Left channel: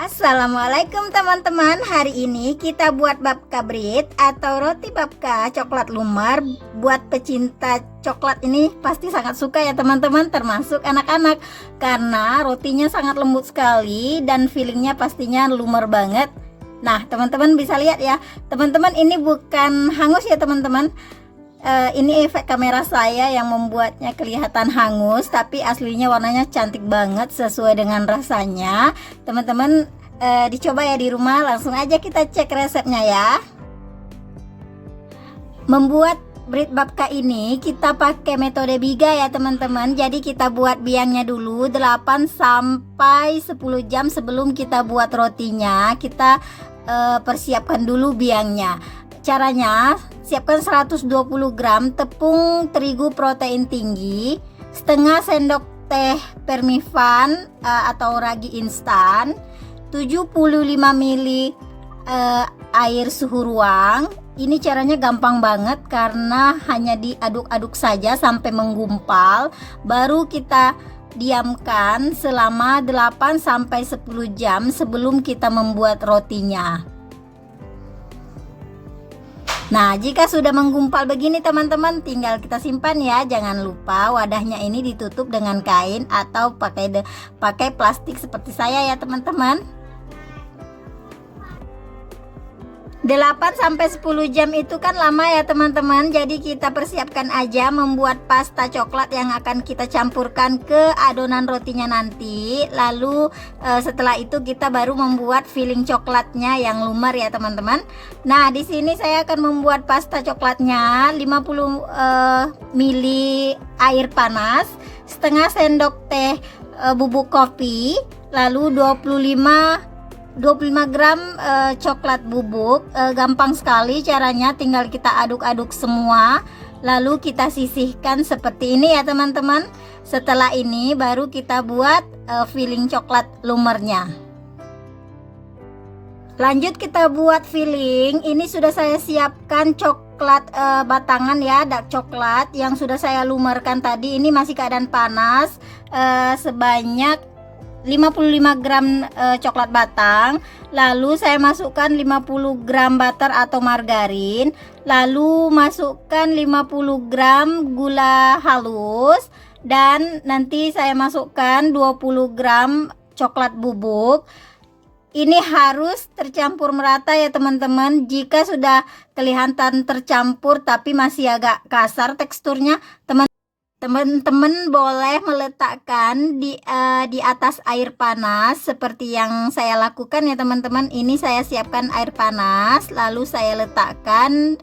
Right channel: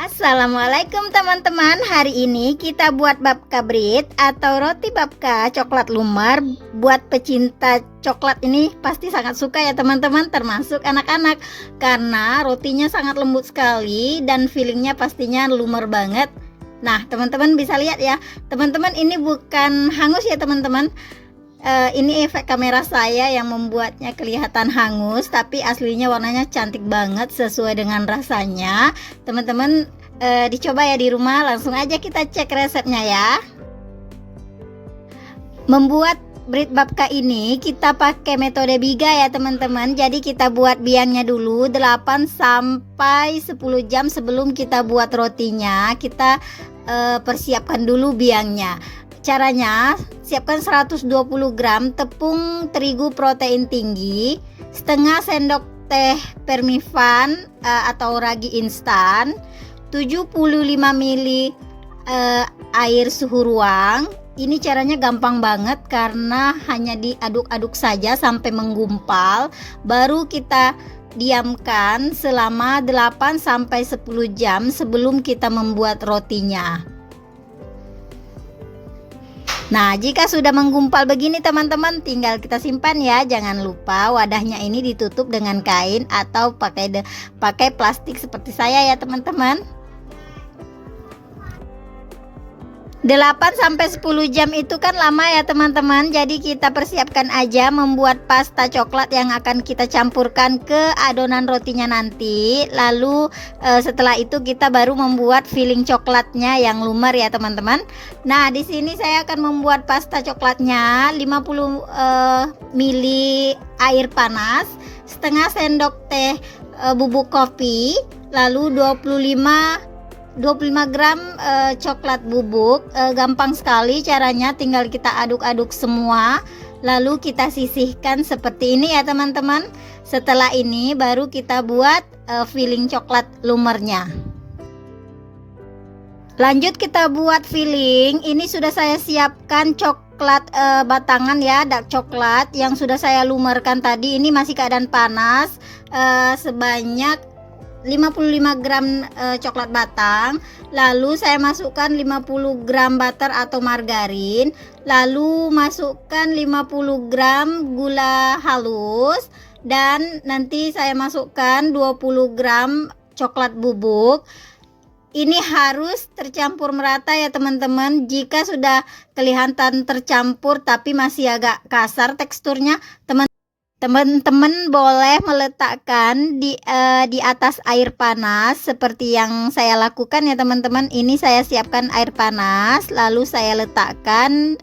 Assalamualaikum teman-teman. Hari ini kita buat babka bread atau roti babka coklat lumer. Buat pecinta coklat ini pasti sangat suka ya teman-teman, termasuk anak-anak, karena rotinya sangat lembut sekali dan feelingnya pastinya lumer banget. Nah teman-teman bisa lihat ya teman-teman, ini bukan hangus ya teman-teman. Ini efek kamera saya yang membuatnya kelihatan hangus, tapi aslinya warnanya cantik banget sesuai dengan rasanya. Teman-teman dicoba ya di rumah, langsung aja kita cek resepnya ya. Membuat bread babka ini kita pakai metode biga ya teman-teman. Jadi kita buat biangnya dulu 8 sampai 10 jam sebelum kita buat rotinya. Kita persiapkan dulu biangnya. Caranya, siapkan 120 gram tepung terigu protein tinggi, setengah sendok teh permifan atau ragi instan, 75 ml air suhu ruang. Ini caranya gampang banget karena hanya diaduk-aduk saja sampai menggumpal, baru kita diamkan selama 8 sampai 10 jam sebelum kita membuat rotinya. Nah, jika sudah menggumpal begini teman-teman, tinggal kita simpan ya. Jangan lupa wadahnya ini ditutup dengan kain atau pakai plastik seperti saya ya teman-teman. 8 sampai 10 jam itu kan lama ya teman-teman. Jadi kita persiapkan aja membuat pasta coklat yang akan kita campurkan ke adonan rotinya nanti. Lalu setelah itu kita baru membuat filling coklatnya yang lumer ya teman-teman. Nah, di sini saya akan membuat pasta coklatnya 50 ml air panas, setengah sendok teh bubuk kopi, lalu 25 gram coklat bubuk. Gampang sekali caranya, tinggal kita aduk-aduk semua lalu kita sisihkan seperti ini ya teman-teman. Setelah ini baru kita buat filling coklat lumernya. Lanjut kita buat filling. Ini sudah saya siapkan coklat batangan ya, dark coklat yang sudah saya lumerkan tadi. Ini masih keadaan panas, sebanyak 55 gram coklat batang. Lalu saya masukkan 50 gram butter atau margarin, lalu masukkan 50 gram gula halus, dan nanti saya masukkan 20 gram coklat bubuk. Ini harus tercampur merata ya teman-teman. Jika sudah kelihatan tercampur tapi masih agak kasar teksturnya, teman-teman boleh meletakkan di atas air panas seperti yang saya lakukan ya teman-teman. Ini saya siapkan air panas, lalu saya letakkan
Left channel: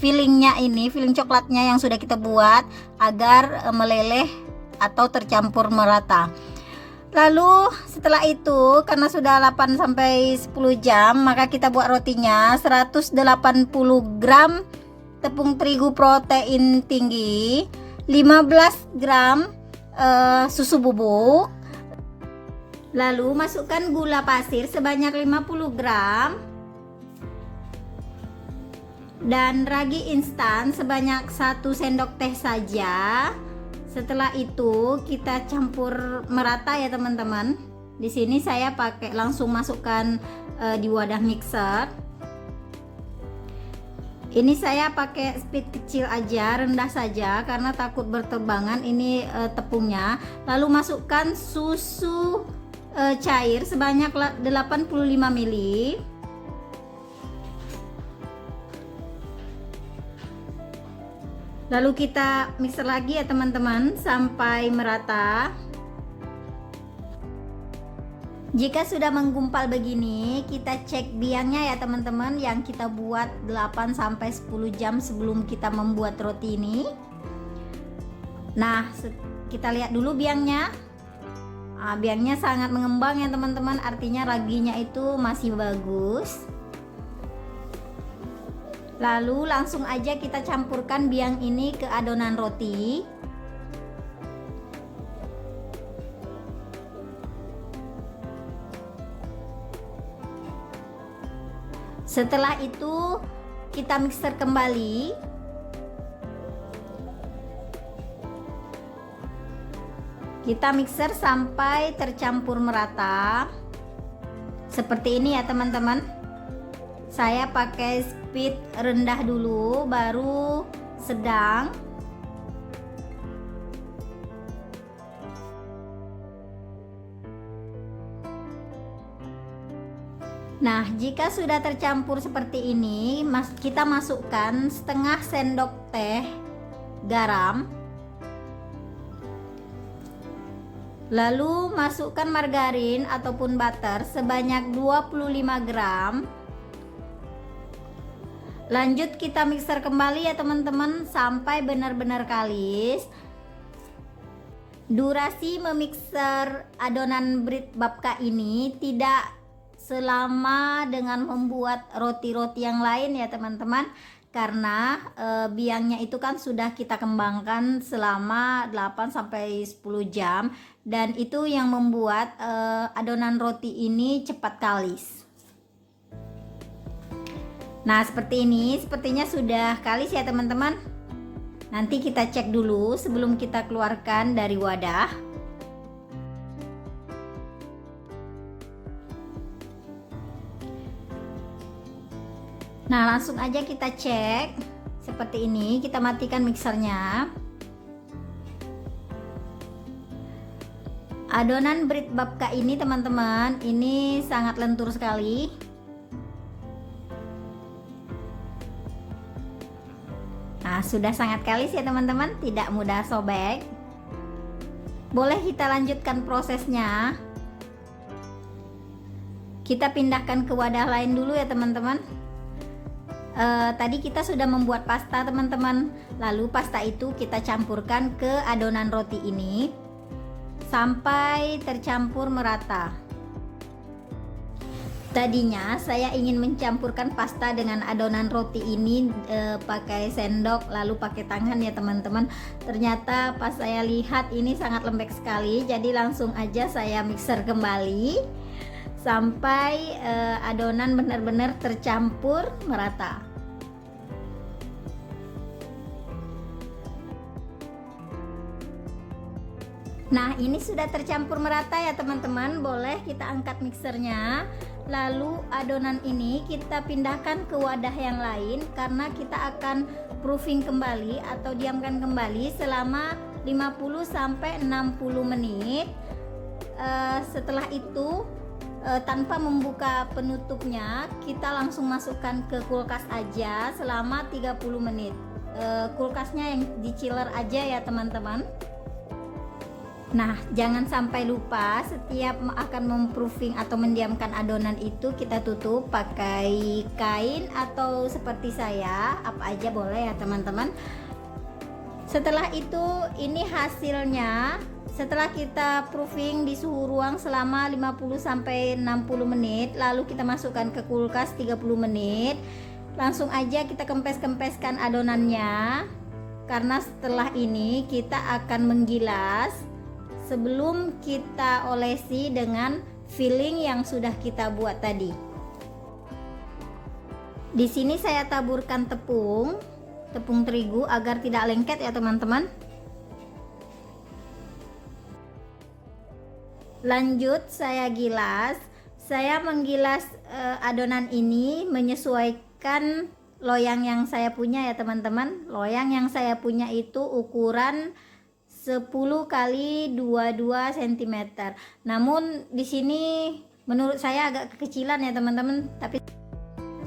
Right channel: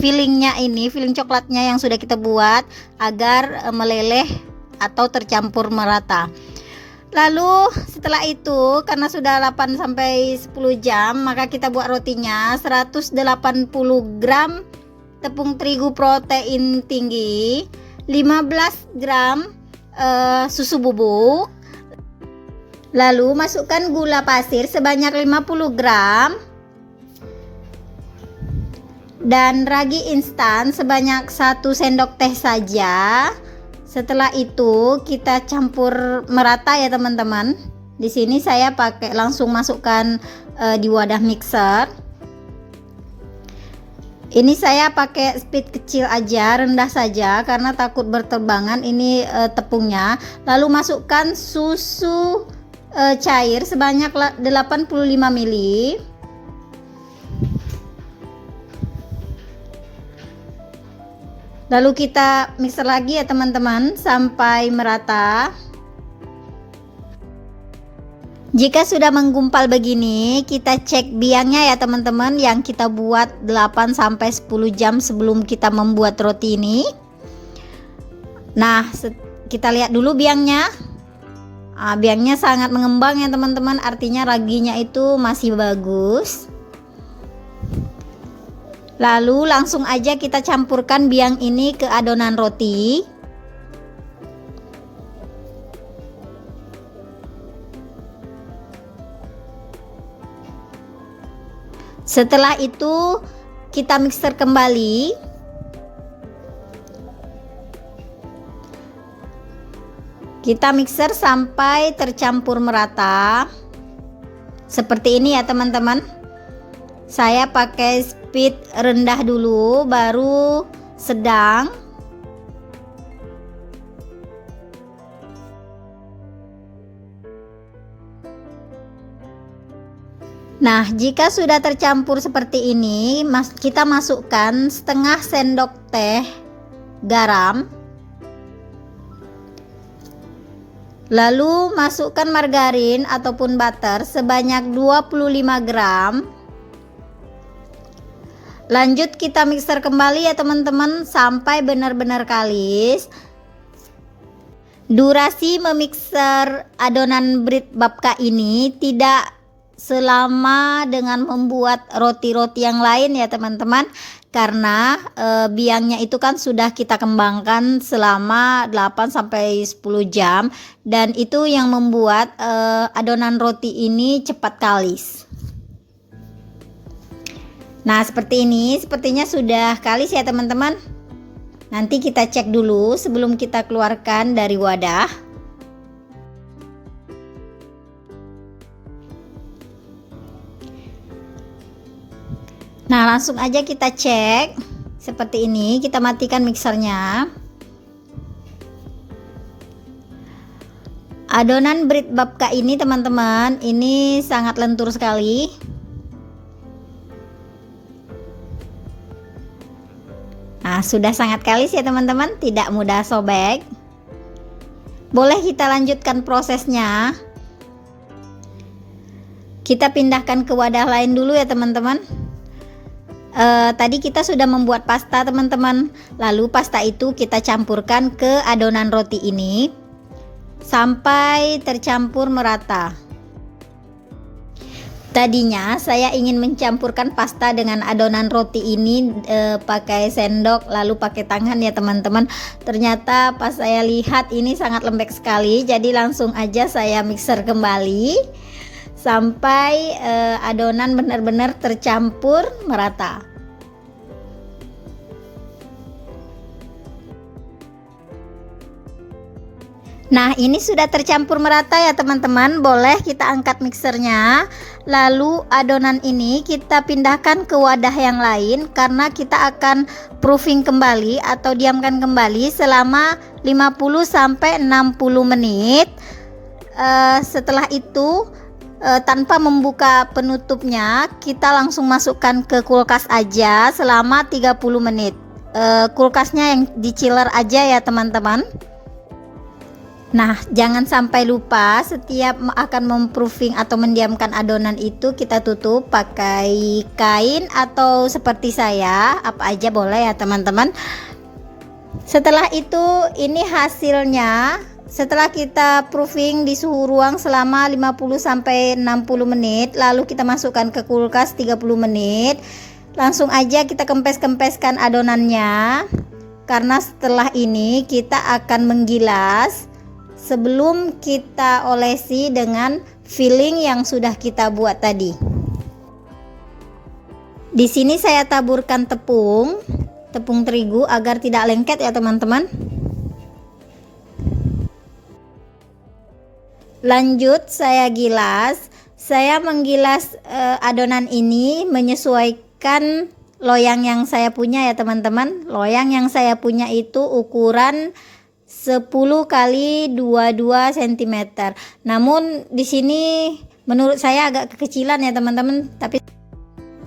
fillingnya ini, filling coklatnya yang sudah kita buat agar meleleh atau tercampur merata. Lalu setelah itu, karena sudah 8 sampai 10 jam, maka kita buat rotinya. 180 gram tepung terigu protein tinggi, 15 gram susu bubuk, lalu masukkan gula pasir sebanyak 50 gram dan ragi instan sebanyak 1 sendok teh saja. Setelah itu kita campur merata ya teman-teman. Di sini saya pakai langsung masukkan di wadah mixer. Ini saya pakai speed kecil aja, rendah saja karena takut berterbangan ini tepungnya. Lalu masukkan susu cair sebanyak 85 ml. Lalu kita mixer lagi ya teman-teman sampai merata. Jika sudah menggumpal begini, kita cek biangnya ya teman-teman, yang kita buat 8 sampai 10 jam sebelum kita membuat roti ini. Nah, kita lihat dulu biangnya. Biangnya sangat mengembang ya teman-teman, artinya raginya itu masih bagus. Lalu langsung aja kita campurkan biang ini ke adonan roti. Setelah itu kita mixer kembali. Kita mixer sampai tercampur merata. Seperti ini ya teman-teman. Saya pakai speed rendah dulu, baru sedang. Nah, jika sudah tercampur seperti ini, kita masukkan setengah sendok teh garam. Lalu masukkan margarin ataupun butter sebanyak 25 gram. Lanjut kita mixer kembali ya teman-teman sampai benar-benar kalis. Durasi memixer adonan bread babka ini tidak selama dengan membuat roti-roti yang lain ya teman-teman, karena biangnya itu kan sudah kita kembangkan selama 8-10 jam, dan itu yang membuat adonan roti ini cepat kalis. Nah seperti ini, sepertinya sudah kalis ya teman-teman. Nanti kita cek dulu sebelum kita keluarkan dari wadah. Nah langsung aja kita cek seperti ini. Kita matikan mixernya. Adonan bread babka ini teman-teman, ini sangat lentur sekali. Nah sudah sangat kalis ya teman-teman, tidak mudah sobek. Boleh kita lanjutkan prosesnya. Kita pindahkan ke wadah lain dulu ya teman-teman. Tadi kita sudah membuat pasta teman-teman. Lalu pasta itu kita campurkan ke adonan roti ini sampai tercampur merata. Tadinya saya ingin mencampurkan pasta dengan adonan roti ini pakai sendok lalu pakai tangan ya teman-teman. Ternyata pas saya lihat ini sangat lembek sekali, jadi langsung aja saya mixer kembali sampai adonan benar-benar tercampur merata. Nah ini sudah tercampur merata ya teman-teman. Boleh kita angkat mixernya. Lalu adonan ini kita pindahkan ke wadah yang lain, karena kita akan proofing kembali atau diamkan kembali selama 50-60 menit. Setelah itu tanpa membuka penutupnya, kita langsung masukkan ke kulkas aja selama 30 menit. Kulkasnya yang di chiller aja ya teman-teman. Nah jangan sampai lupa, setiap akan memproofing atau mendiamkan adonan itu kita tutup pakai kain atau seperti saya, apa aja boleh ya teman-teman. Setelah itu ini hasilnya. Setelah kita proofing di suhu ruang selama 50-60 menit, lalu kita masukkan ke kulkas 30 menit. Langsung aja kita kempes-kempeskan adonannya, karena setelah ini kita akan menggilas sebelum kita olesi dengan filling yang sudah kita buat tadi. Di sini saya taburkan tepung terigu agar tidak lengket ya teman-teman. Lanjut saya gilas. Saya menggilas adonan ini menyesuaikan loyang yang saya punya ya teman-teman. Loyang yang saya punya itu ukuran 10 kali 22 cm. Namun di sini menurut saya agak kekecilan ya teman-teman. Tapi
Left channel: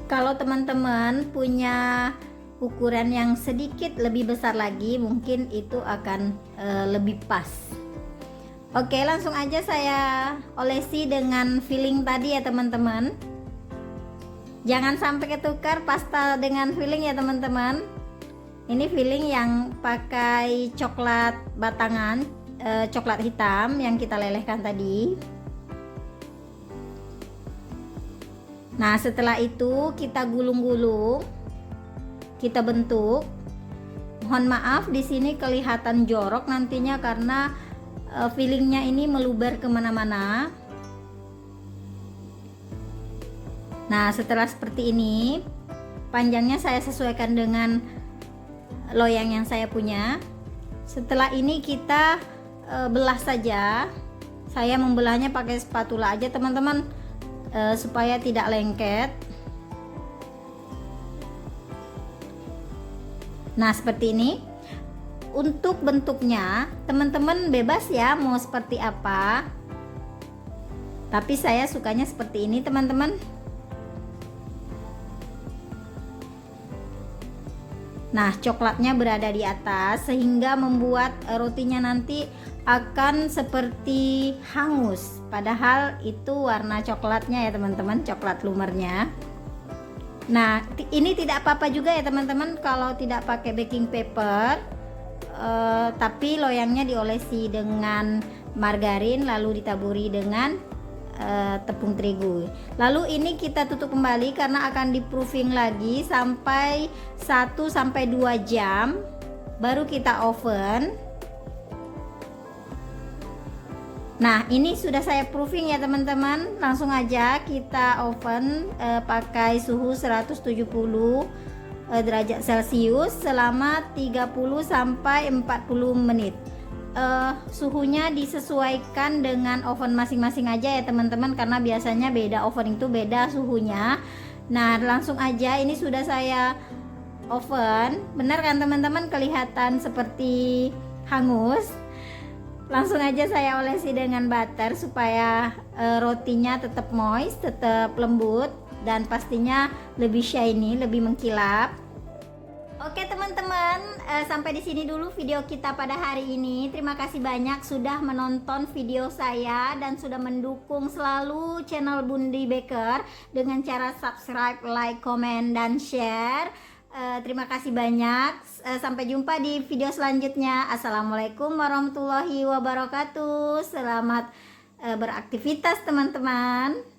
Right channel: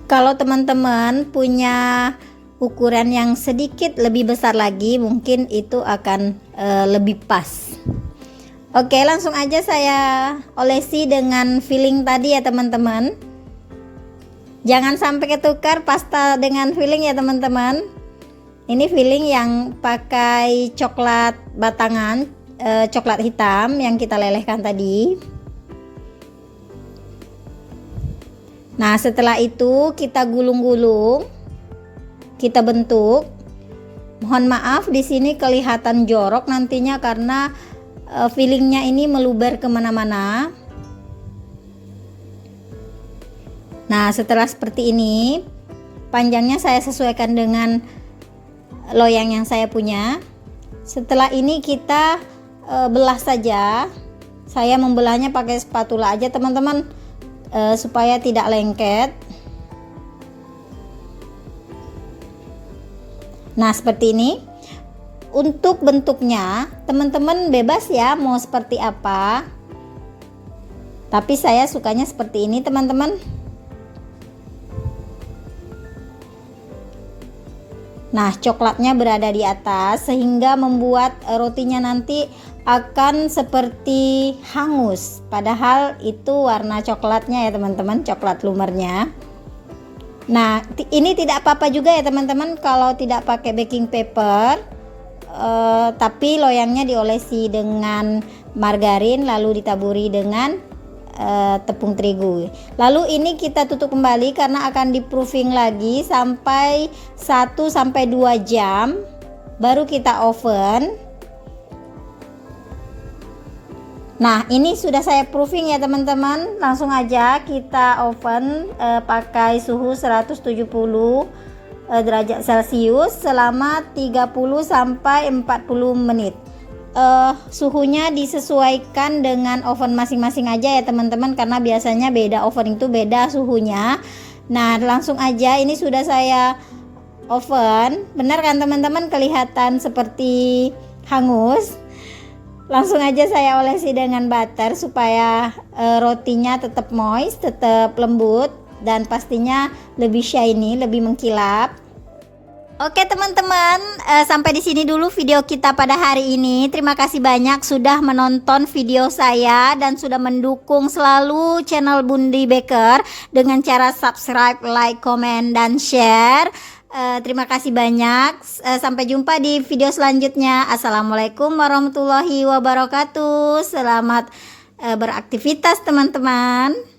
kalau teman-teman punya ukuran yang sedikit lebih besar lagi, mungkin itu akan lebih pas. Oke, langsung aja saya olesi dengan filling tadi ya teman-teman. Jangan sampai ketukar pasta dengan filling ya teman-teman. Ini filling yang pakai coklat batangan, coklat hitam yang kita lelehkan tadi. Nah setelah itu kita gulung-gulung, kita bentuk. Mohon maaf di sini kelihatan jorok nantinya karena fillingnya ini meluber kemana-mana. Nah setelah seperti ini, panjangnya saya sesuaikan dengan loyang yang saya punya. Setelah ini kita belah saja. Saya membelahnya pakai spatula aja teman-teman. supaya tidak lengket. Nah, seperti ini. Untuk bentuknya teman-teman bebas ya mau seperti apa, tapi saya sukanya seperti ini teman-teman. Nah, coklatnya berada di atas sehingga membuat rotinya nanti akan seperti hangus, padahal itu warna coklatnya ya teman-teman, coklat lumernya. Nah, ini tidak apa-apa juga ya teman-teman kalau tidak pakai baking paper, tapi loyangnya diolesi dengan margarin lalu ditaburi dengan tepung terigu. Lalu ini kita tutup kembali karena akan di proofing lagi sampai 1-2 jam baru kita oven. Nah, ini sudah saya proofing ya teman-teman. Langsung aja kita oven pakai suhu 170 derajat Celcius selama 30-40 menit. Suhunya disesuaikan dengan oven masing-masing aja ya teman-teman, karena biasanya beda oven itu beda suhunya. Nah, langsung aja ini sudah saya oven. Benar kan teman-teman, kelihatan seperti hangus. Langsung aja saya olesi dengan butter supaya rotinya tetap moist, tetap lembut, dan pastinya lebih shiny, lebih mengkilap. Oke teman-teman, sampai di sini dulu video kita pada hari ini. Terima kasih banyak sudah menonton video saya dan sudah mendukung selalu channel Bundi Baker dengan cara subscribe, like, komen, dan share. Terima kasih banyak. Sampai jumpa di video selanjutnya. Assalamualaikum warahmatullahi wabarakatuh. Selamat beraktivitas teman-teman.